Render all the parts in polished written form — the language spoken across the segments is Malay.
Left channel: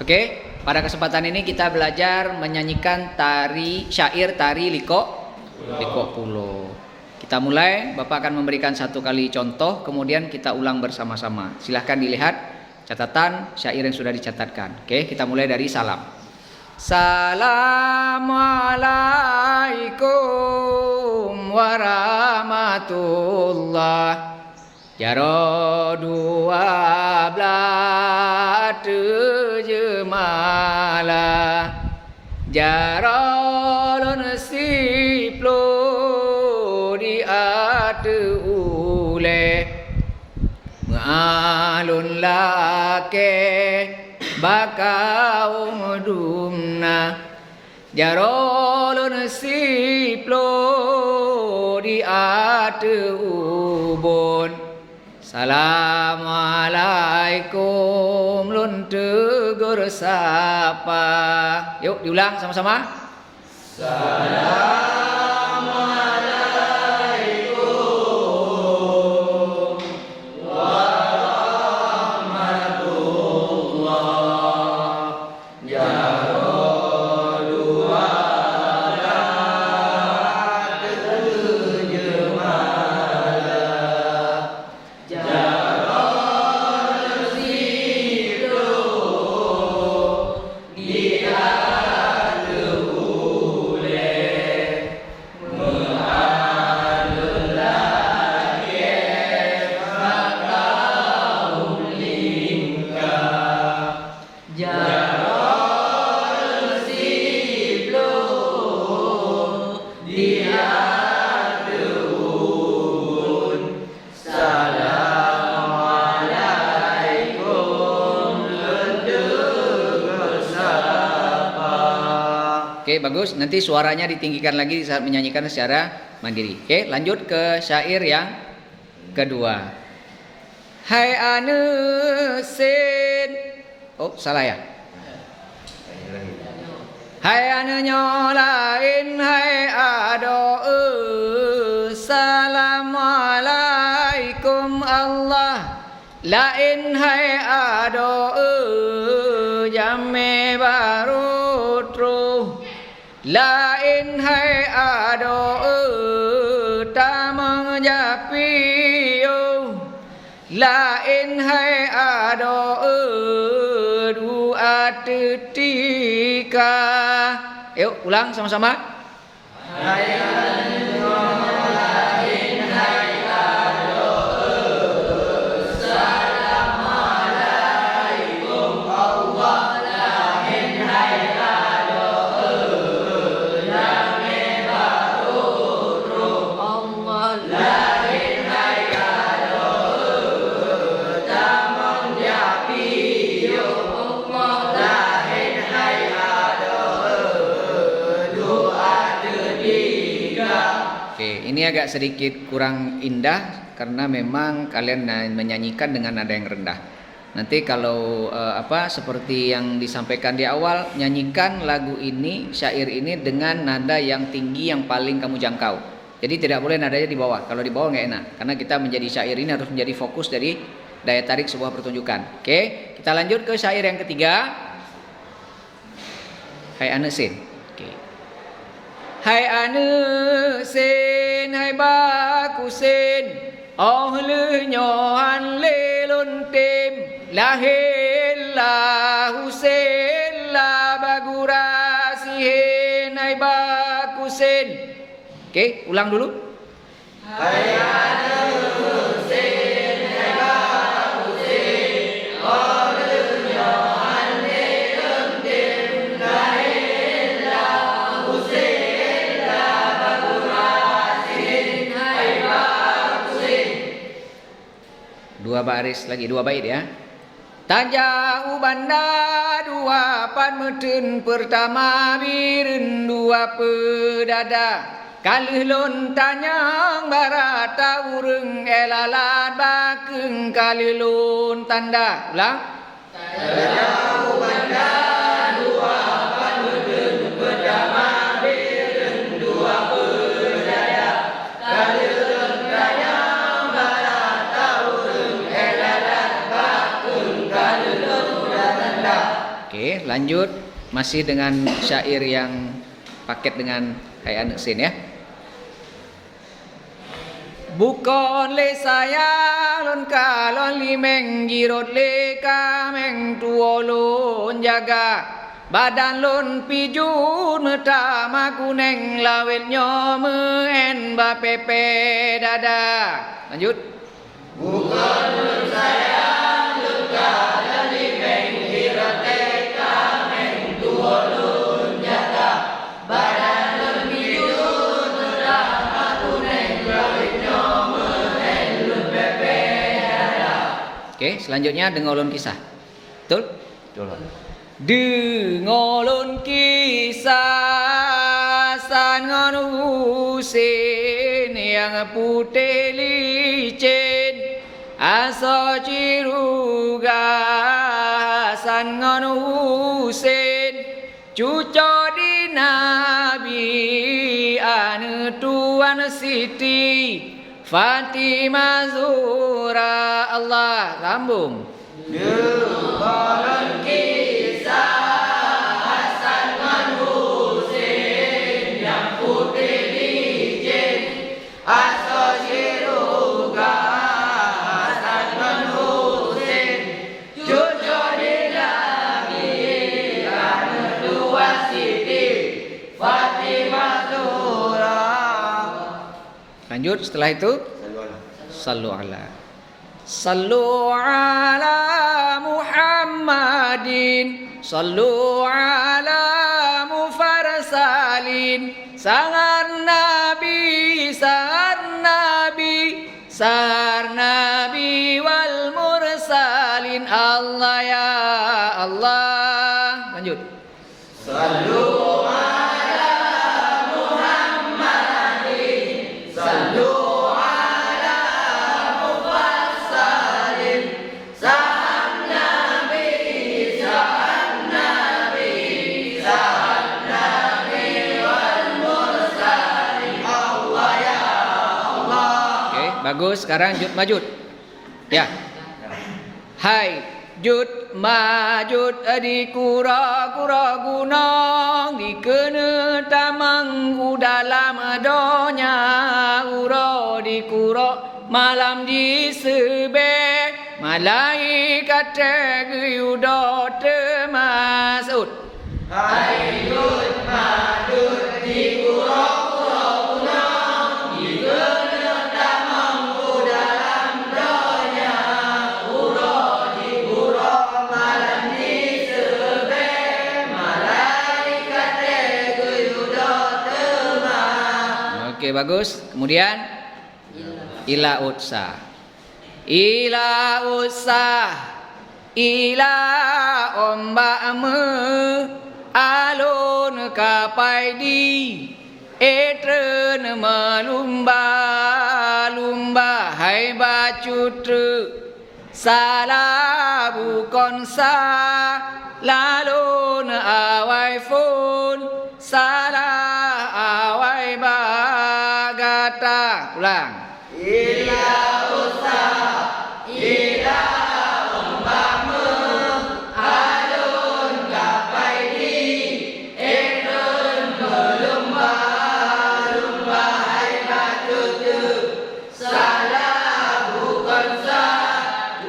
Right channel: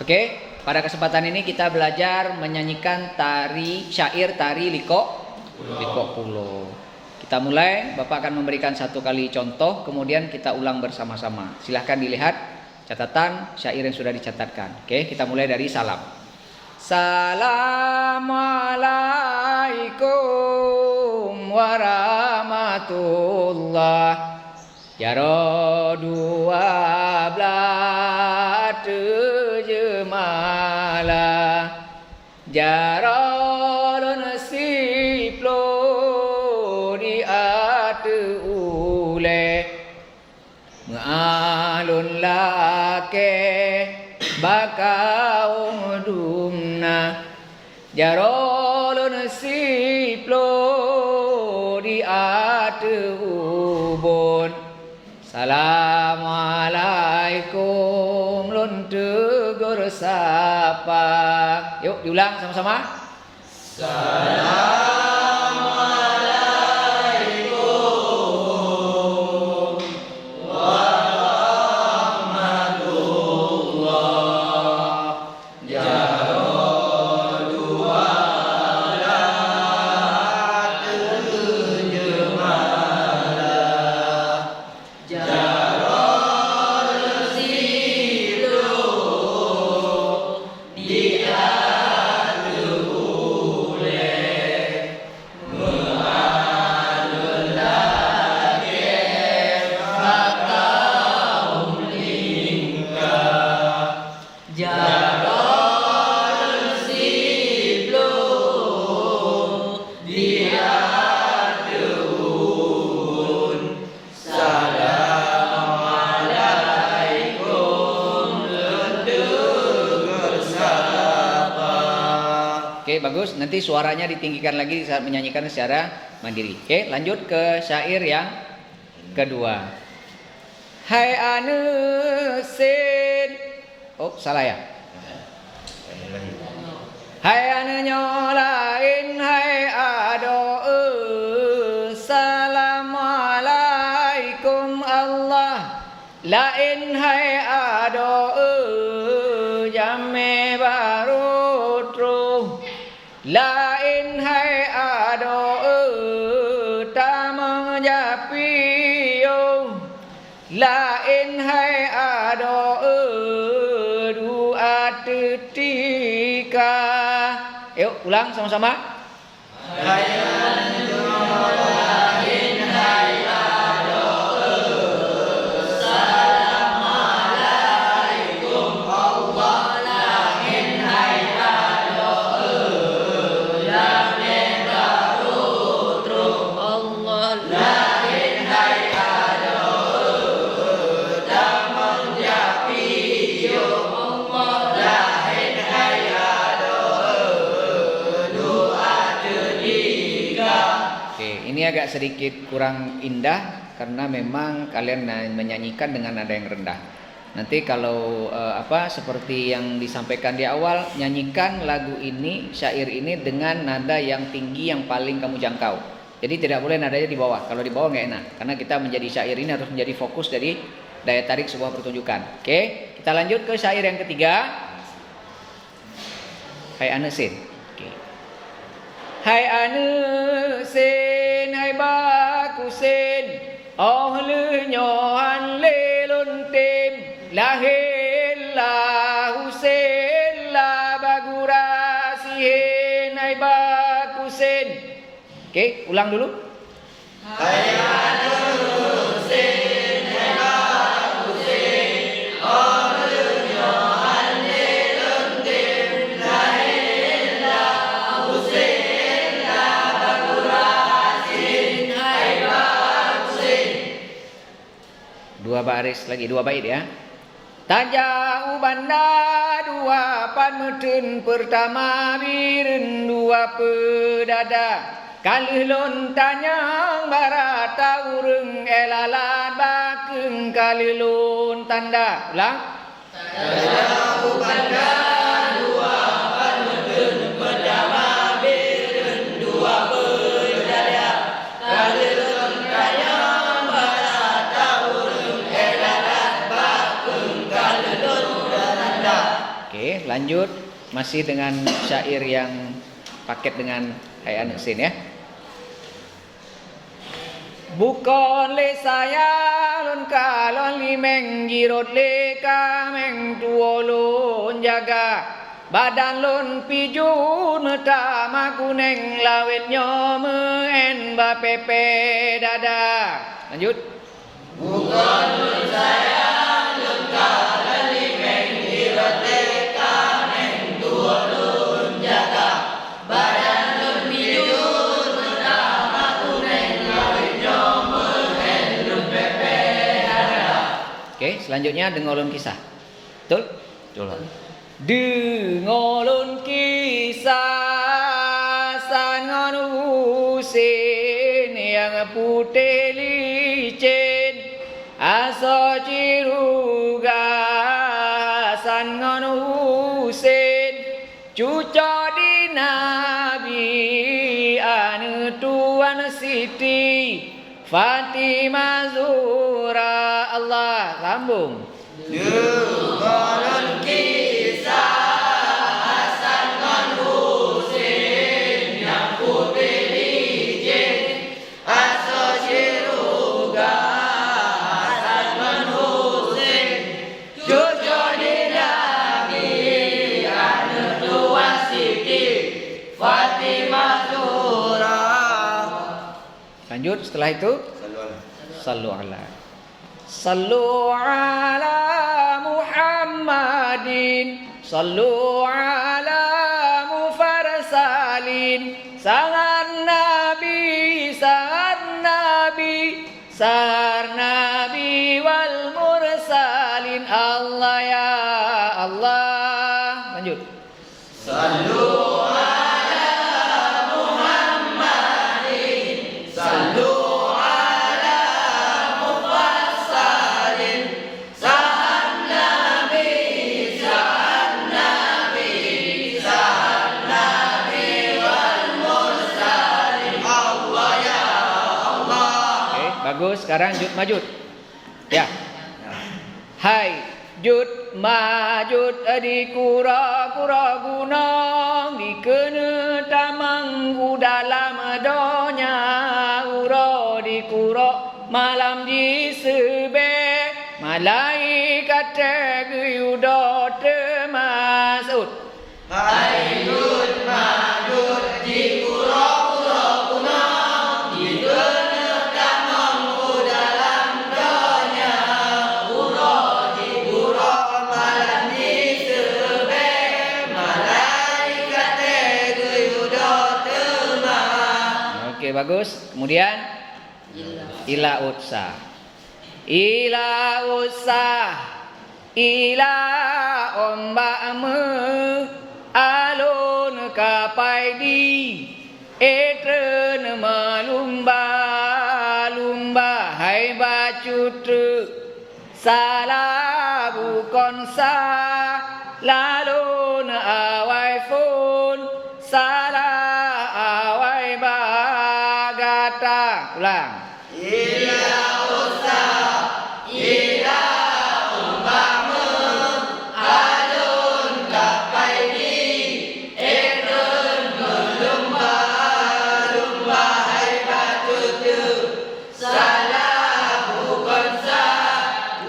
Oke, pada kesempatan ini kita belajar menyanyikan syair tari Liko Pulo. Kita mulai, Bapak akan memberikan satu kali contoh, kemudian kita ulang bersama-sama. Silahkan dilihat catatan syair yang sudah dicatatkan. Oke, kita mulai dari salam. Assalamualaikum warahmatullah. Jaro 12 jemala Jarolun siplo di ate ule Ma'alun lake bakau dumna Jarolun siplo di ate ubon Assalamualaikum lun tegur sapa. Yuk diulang sama-sama. Assalamualaikum warahmatullah. Jaro 12 jemala Oke, bagus. Nanti suaranya ditinggikan lagi saat menyanyikan secara mandiri. Oke, lanjut ke syair yang kedua. Hai anusin. Oh, salah ya. Hai anu nyolain hai ado Assalamualaikum Allah lain hai ado jame baru tru lain hai ado tamang japiyo lain hai ado dua tetika. Yuk ulang sama-sama. Hai lain hai ado Assalamualaikum Allah lain hai ado yang baru tru Allah lain hai ado tamang japiyo Allah lain hai ado dua tetika. Oke, ini agak sedikit kurang indah karena memang kalian menyanyikan dengan nada yang rendah. Nanti kalau seperti yang disampaikan di awal, nyanyikan lagu ini, syair ini dengan nada yang tinggi yang paling kamu jangkau. Jadi tidak boleh nadanya di bawah. Kalau di bawah nggak enak. Karena kita menjadi syair ini harus menjadi fokus dari daya tarik sebuah pertunjukan. Oke, kita lanjut ke syair yang ketiga. Hai anesin. Oke. Hai anesin, hai bakusin. Oh le nyohan le lon tim lahir la husin la bagurasihin hai bakusin. Oke, ulang dulu. Hai anusin hai bakusin oh dunya ane lentim lahir la husin la bagurasin hai bakusin. Dua baris lagi, dua bait ya. Tajau banda dua pan meten pertama biren dua pedada kalih lon tanyang barata ureng elalat bakeng kalih lon tanda ulang. Tajau banda dua pan meten pertama biren dua pedada kalih lon tanyang barata ureng elalat bakeng kalih lon tanda. Oke, lanjut masih dengan syair yang paket dengan hayat neksin ya. Bukan le saya lon kalon li meng jirot le ka meng tuolon jaga badan lon pijun metama kuneng lawet nyome en ba pepe dada. Lanjut. Bukan lon saya lon kalon li meng jirot le ka meng tuolon jaga badan lon pijun metama kuneng lawet nyome en lon pepe dada. Oke, selanjutnya dengolon kisah. Betul? Betul. Dengolon kisah sangon usin yang putih licin aso ciruga sangon usin cuco di nabi anu tuan siti Fatimah Zura Allah lambung. Dengolon kisah Hasan ngan Husin yang putih licin aso siruga Hasan ngan Husin cucu dinagi anu dua Siti Fatimah Zura. Lanjut setelah itu sallu ala Muhammadin sallu ala mufarsalin sangan nabi sar nabi wal mursalin Allah ya Allah. Lanjut. Sallu ala Muhammadin sallu Bagus, sekarang jud majud. Ya. Hai jud majud di kura-kura gunung di kene tamanggu dalam donya uro di kuro malam di sebe malaikat teguyudo temasud. Hai jud majud di kura-kura gunung di kene Oke, bagus. Kemudian ila utsa. Ila utsa. Ila ombakmu alun kapai di etren malumba lumba hai bacutru salah bukan sa lalun awai fun salah awai bagata. Ulang. Ila usa ila umpama alun kapai di etren melumba lumba hai batutu salah bukan sa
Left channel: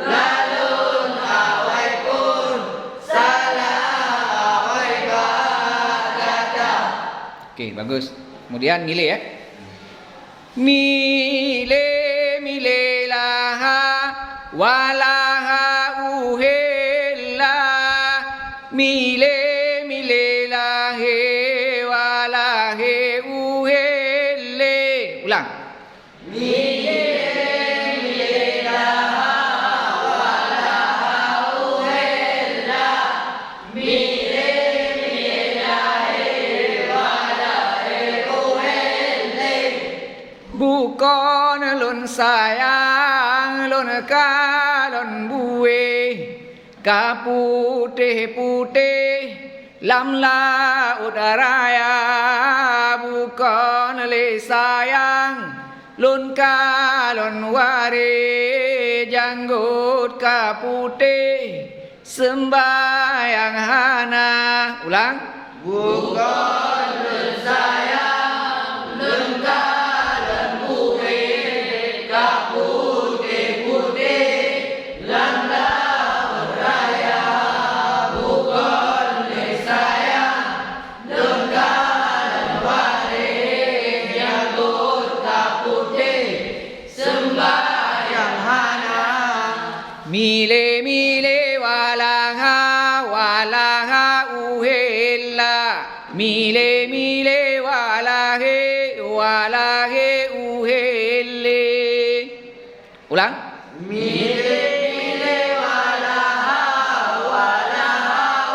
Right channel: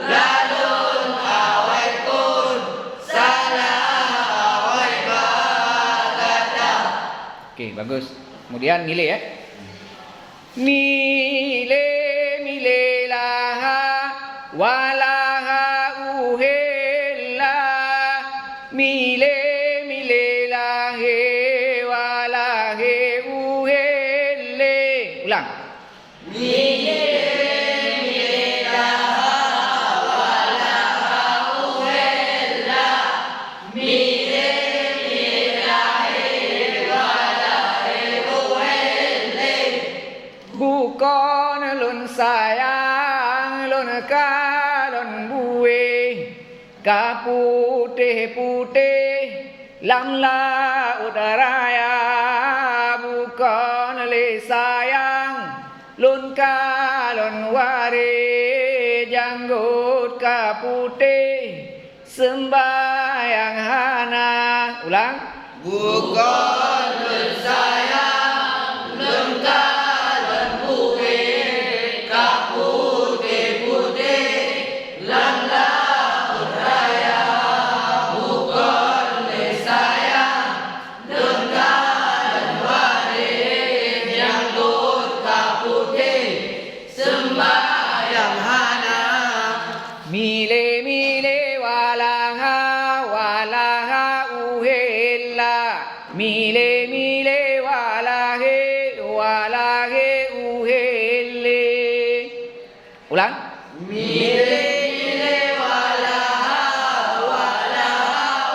lalun awai pun salah awai bagata. Oke, bagus. Kemudian nilai ya. Mile mile laha walaha uhella mile mile lahe walahe uhelle. Ulang. Mile mile laha walaha uhella mile mile lahe walahe uhelle. Bukan lun sayang lun kalon buwe kaputih-putih lam laut raya bukan le sayang lun kalon wari janggut kaputih sembahyang hari Ulang. Bukan saya lengkap lembuwe kaputih-putih langlah raya. Bukan saya lengkap waris yang kaputih sembahyang hana. Mile walaha uhilla. Mile walahe uhille. Ulang. Mile walaha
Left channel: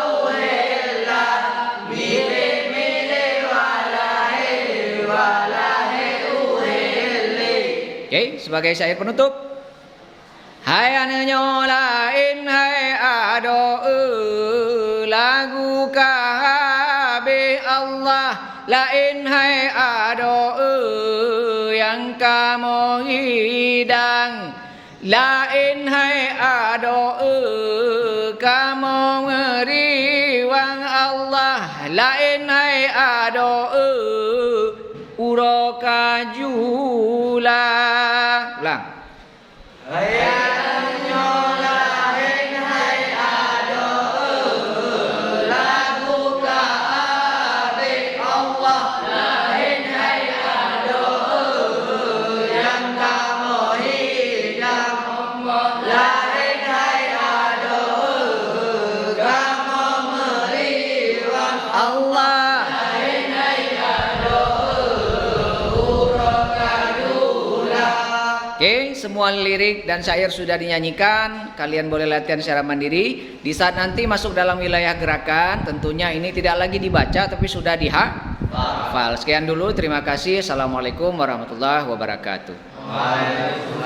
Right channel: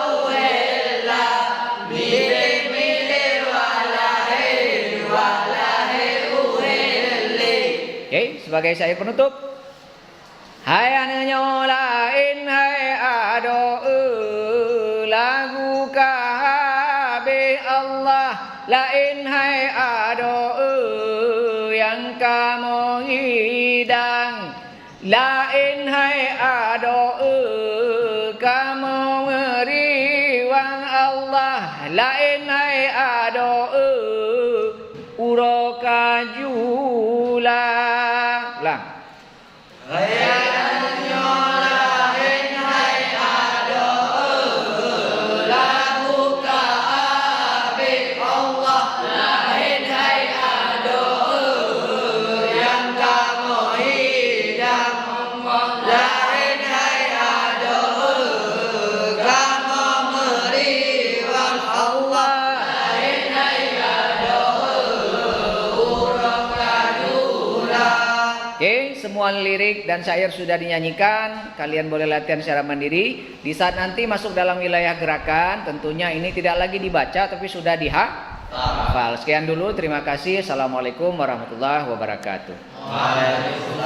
uhilla. Mile walahe uhille. Oke, sebagai syair penutup. Hai nyolain hai ado lagu kahabe Allah lain hai ado yang kamu hidang lain hai ado kamu ngeriwang Allah lain hai ado uroka jula. Ulang. Hayang nyolahin hai ado lagu kaabe Allah lahin hai ado yang kamu hidang lahin hai ado kamu meriwang Allah lahin hai ado uroka. Oke, semua lirik dan syair sudah dinyanyikan. Kalian boleh latihan secara mandiri. Di saat nanti masuk dalam wilayah gerakan, tentunya ini tidak lagi dibaca tapi sudah dihafal. Sekian dulu, terima kasih. Assalamualaikum warahmatullahi wabarakatuh. Waalaikumsalam.